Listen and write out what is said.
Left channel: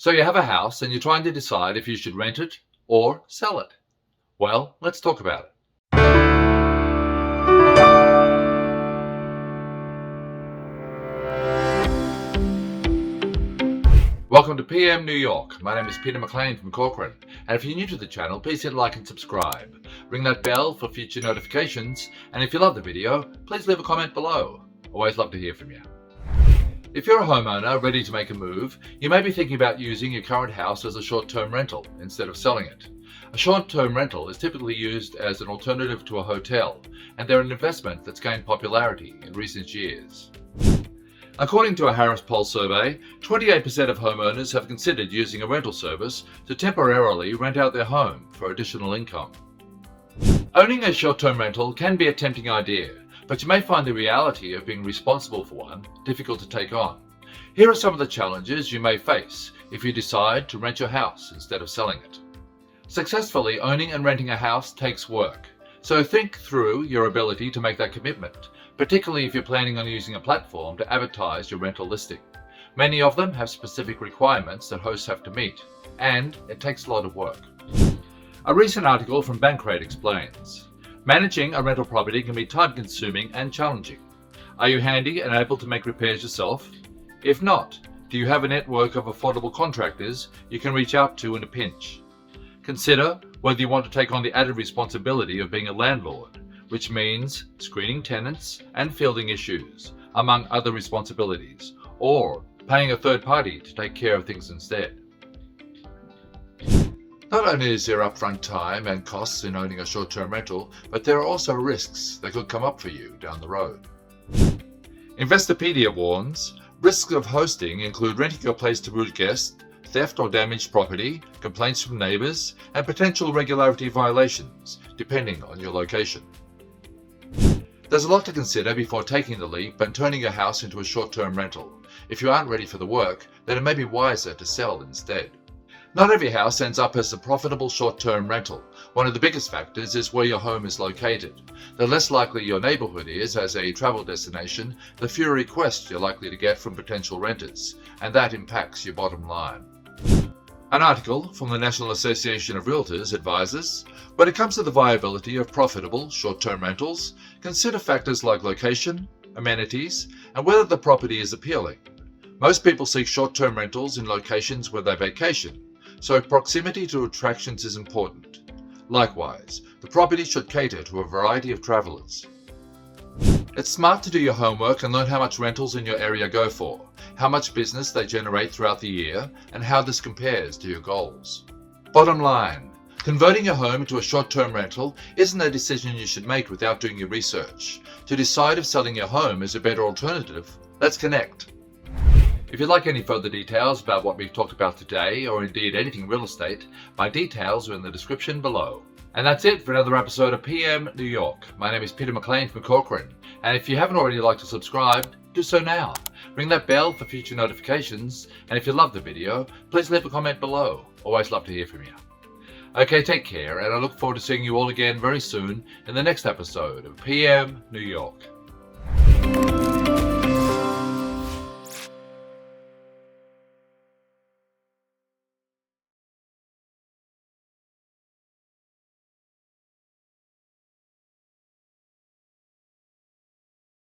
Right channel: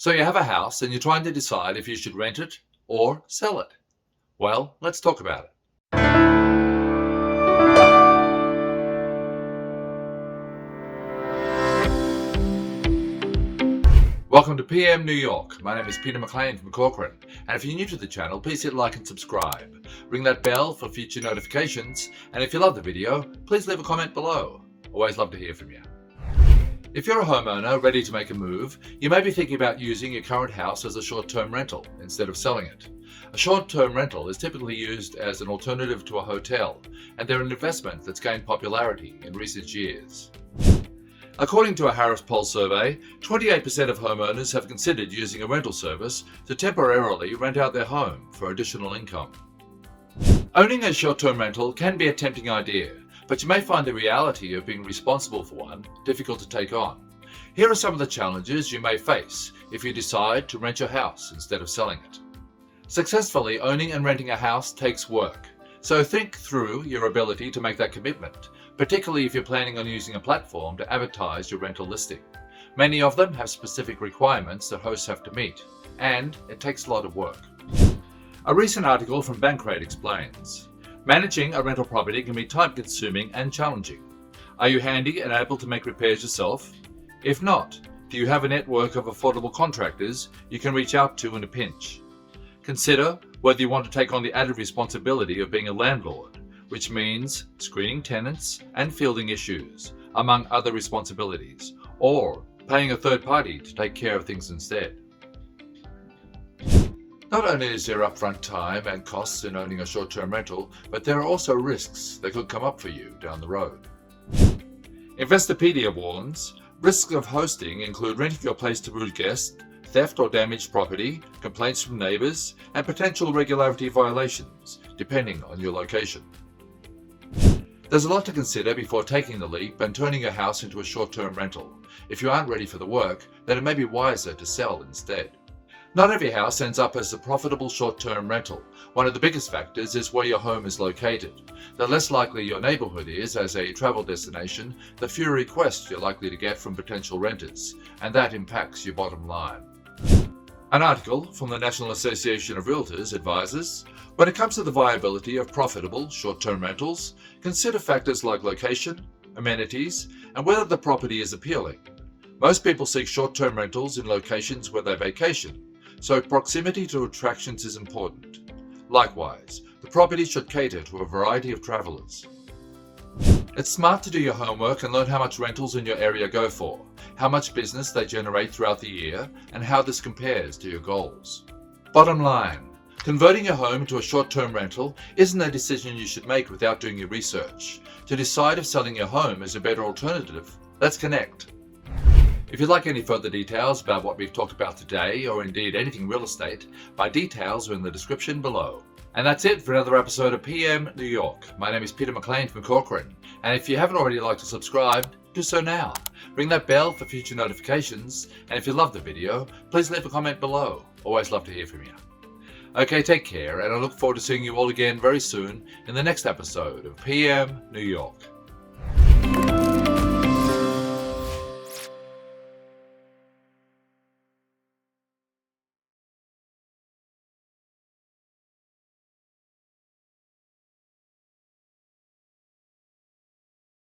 So you have a house and you're trying to decide if you should rent it or sell it. Well, let's talk about it. Welcome to PM New York. My name is Peter McLean from Corcoran, and if you're new to the channel, please hit like and subscribe. Ring that bell for future notifications, and if you love the video, please leave a comment below. Always love to hear from you. If you're a homeowner ready to make a move, you may be thinking about using your current house as a short-term rental instead of selling it. A short-term rental is typically used as an alternative to a hotel, and they're an investment that's gained popularity in recent years. According to a Harris Poll survey, 28% of homeowners have considered using a rental service to temporarily rent out their home for additional income. Owning a short-term rental can be a tempting idea, but you may find the reality of being responsible for one difficult to take on. Here are some of the challenges you may face if you decide to rent your house instead of selling it. Successfully owning and renting a house takes work, so think through your ability to make that commitment, particularly if you're planning on using a platform to advertise your rental listing. Many of them have specific requirements that hosts have to meet, and it takes a lot of work. A recent article from Bankrate explains, managing a rental property can be time-consuming and challenging. Are you handy and able to make repairs yourself? If not, do you have a network of affordable contractors you can reach out to in a pinch? Consider whether you want to take on the added responsibility of being a landlord, which means screening tenants and fielding issues, among other responsibilities, or paying a third party to take care of things instead. Not only is there upfront time and costs in owning a short-term rental, but there are also risks that could come up for you down the road. Investopedia warns, risks of hosting include renting your place to rude guests, theft or damaged property, complaints from neighbors, and potential regularity violations, depending on your location. There's a lot to consider before taking the leap and turning your house into a short-term rental. If you aren't ready for the work, then it may be wiser to sell instead. Not every house ends up as a profitable short-term rental. One of the biggest factors is where your home is located. The less likely your neighborhood is as a travel destination, the fewer requests you're likely to get from potential renters, and that impacts your bottom line. An article from the National Association of Realtors advises, when it comes to the viability of profitable short-term rentals, consider factors like location, amenities, and whether the property is appealing. Most people seek short-term rentals in locations where they vacation, so proximity to attractions is important. Likewise, the property should cater to a variety of travelers. It's smart to do your homework and learn how much rentals in your area go for, how much business they generate throughout the year, and how this compares to your goals. Bottom line, converting your home into a short-term rental isn't a decision you should make without doing your research. To decide if selling your home is a better alternative, let's connect. If you'd like any further details about what we've talked about today, or indeed anything real estate, my details are in the description below. And that's it for another episode of PM New York. My name is Peter McLean from Corcoran, and if you haven't already liked or subscribed, do so now. Ring that bell for future notifications, and if you love the video, please leave a comment below. Always love to hear from you. Okay, take care, and I look forward to seeing you all again very soon in the next episode of PM New York.